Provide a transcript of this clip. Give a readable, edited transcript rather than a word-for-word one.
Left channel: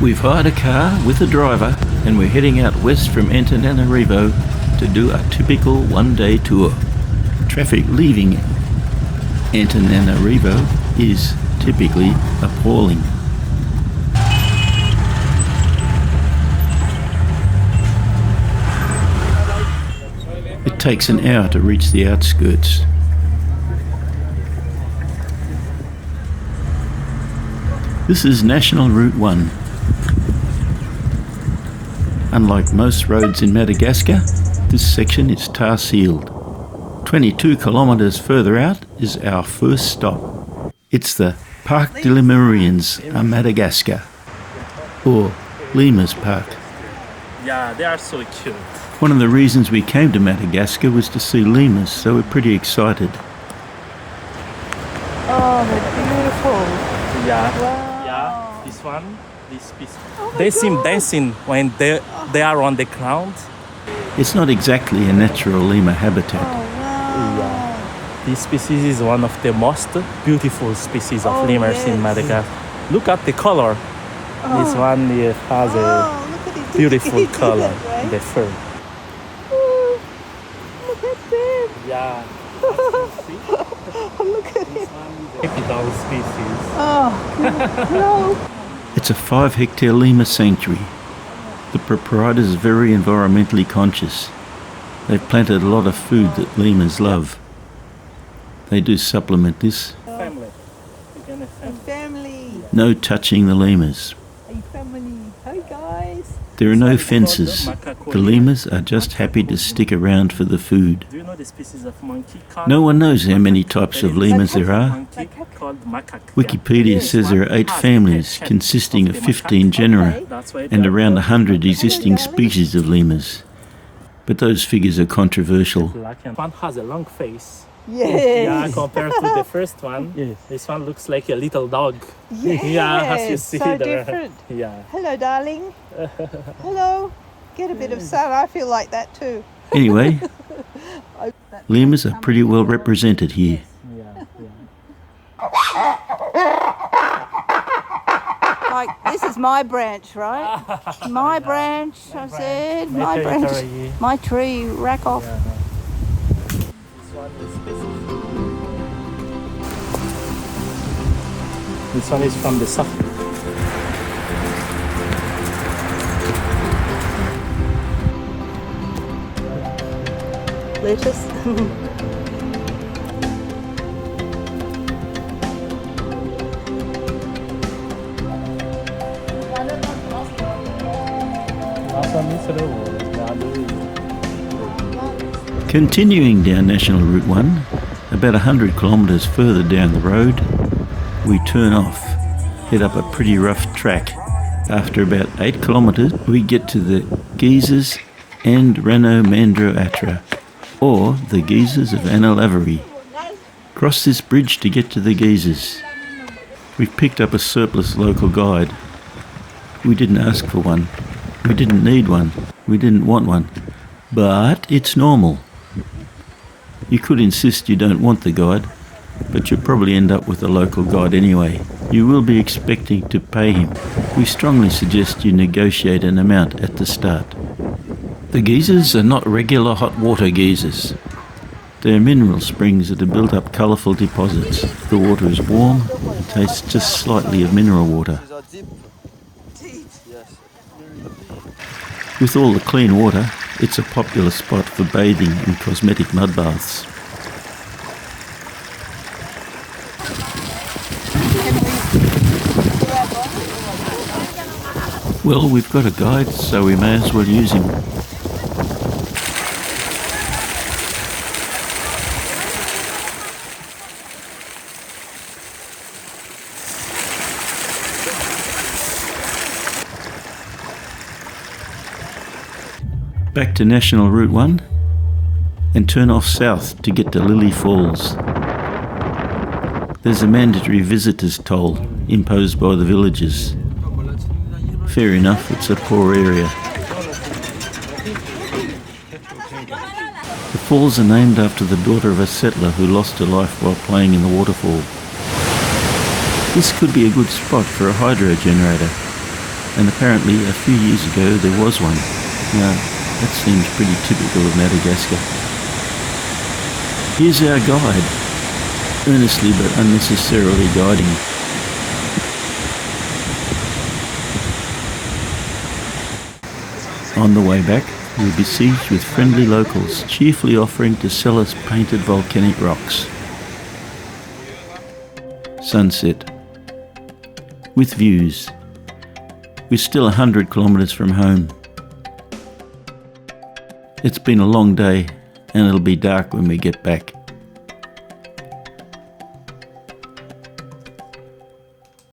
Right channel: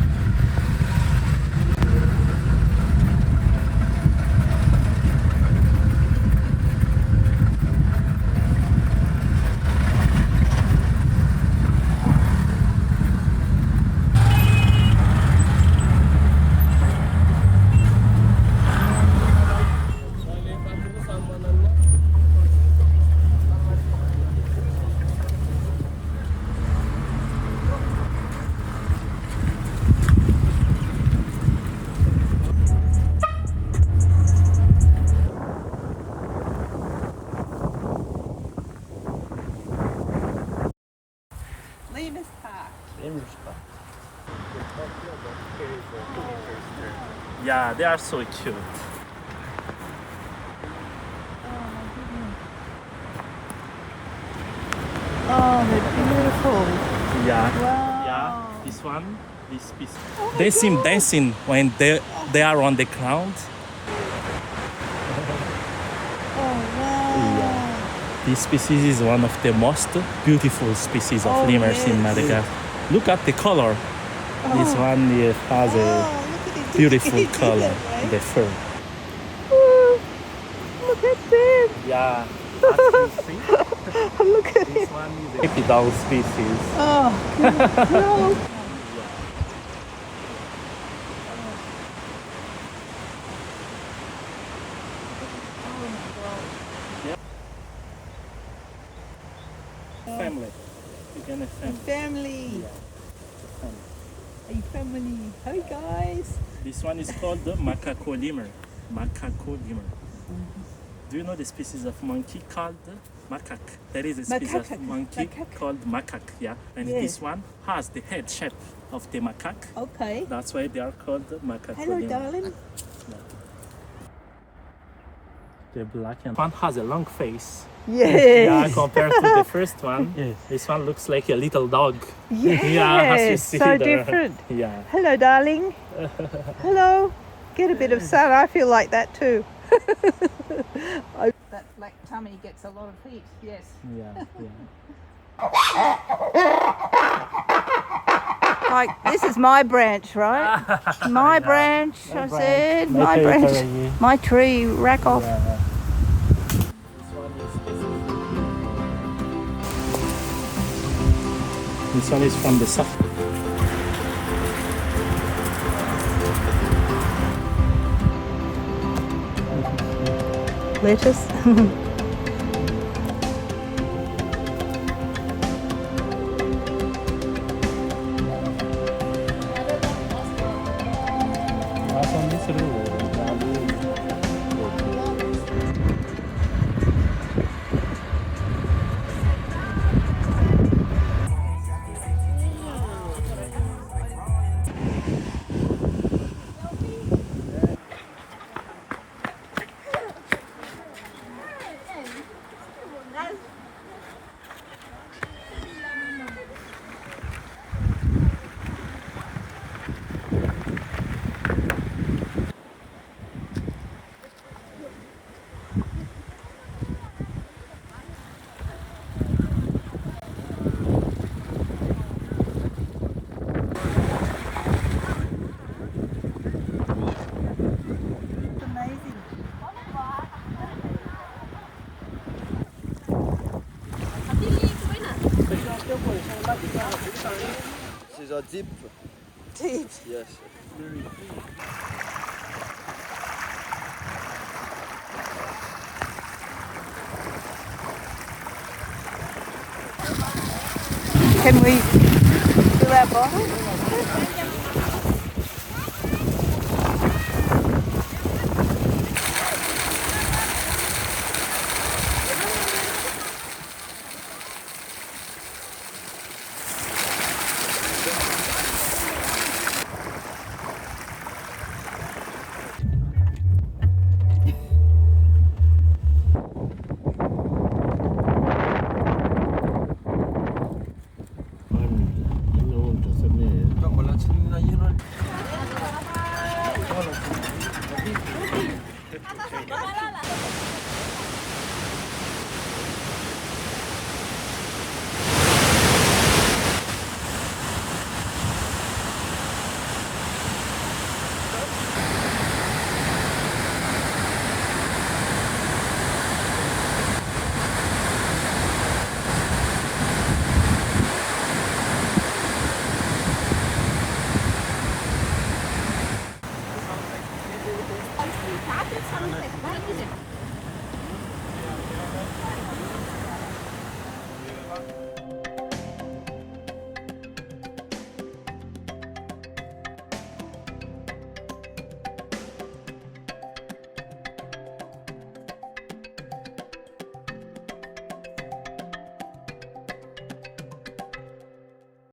We've hired a car with a driver and we're heading out west from Antananarivo to do a typical one-day tour. Traffic leaving Antananarivo is typically appalling. It takes an hour to reach the outskirts. This is National Route 1. Unlike most roads in Madagascar, this section is tar sealed. 22 kilometres further out is our first stop. It's the Parc de Lemurians à Madagascar, or Lemurs Park. Yeah, they are so cute. One of the reasons we came to Madagascar was to see lemurs, so we're pretty excited. Oh, they're beautiful. Yeah. Wow. Yeah, this one, this species. Oh They my seem God. dancing when they are on the ground. It's not exactly a natural lemur habitat. Oh, wow. Yeah. This species is one of the most beautiful species of Oh, lemurs yes. in Madagascar. Look at the color. This Oh. one has a Oh, look at it. beautiful color, Right? the fur. Oh, look at them. Yeah. Look at This it. one is a hippie dog species. Oh, no. It's a 5-hectare lemur sanctuary. The proprietors are very environmentally conscious. They've planted a lot of food that lemurs love. They do supplement this. Family. Again, a family. Family. No touching the lemurs. Are you family? Hi, guys. There are This no one is called fences. macaco The lemur. lemurs are just happy to stick around for the food. Do you know the species of monkey called? No one knows how many types There of is a lemurs species there of are. monkey called macaque. Wikipedia This says there one are 8 has the families head consisting of of the 15 macaque. genera Okay. That's why and they are around called 100 macaque. existing darling. species of lemurs. But those figures are controversial. Black and one has a long face. Yes. Yeah, compared to the first one, this one looks like a little dog. Yes. Yeah, as you see so there. different. Yeah. Hello, darling. Hello. Get a bit of sun. I feel like that too. Anyway, lemurs are pretty well represented here. Yeah. Like, this is my branch, right? My branch, I said. My branch. My tree. Rack off. This one is specific. This one is from the south. Lettuce. Continuing down National Route 1, about 100 kilometres further down the road, we turn off, head up a pretty rough track. After about 8 kilometres, we get to the Geysers and Rano Mandro Atra, or the Geysers of Antananarivo. Cross this bridge to get to the Geysers. We've picked up a surplus local guide. We didn't ask for one. We didn't need one. We didn't want one. But it's normal. You could insist you don't want the guide, but you'll probably end up with a local guide anyway. You will be expecting to pay him. We strongly suggest you negotiate an amount at the start. The geysers are not regular hot water geysers. They're mineral springs that have built up colourful deposits. The water is warm, tastes just slightly of mineral water. Deep. With all the clean water, it's a popular spot for bathing and cosmetic mud baths. Can we do our bottle? Well, we've got a guide, so we may as well use him. Back to National Route 1 and turn off south to get to Lily Falls. There's a mandatory visitor's toll imposed by the villagers. Fair enough, it's a poor area. The falls are named after the daughter of a settler who lost her life while playing in the waterfall. This could be a good spot for a hydro generator. and apparently a few years ago there was one. Now, that seems pretty typical of Madagascar. Here's our guide, earnestly but unnecessarily guiding. On the way back, we were besieged with friendly locals, cheerfully offering to sell us painted volcanic rocks. Sunset. With views. We're still 100 kilometres from home. It's been a long day, and it'll be dark when we get back.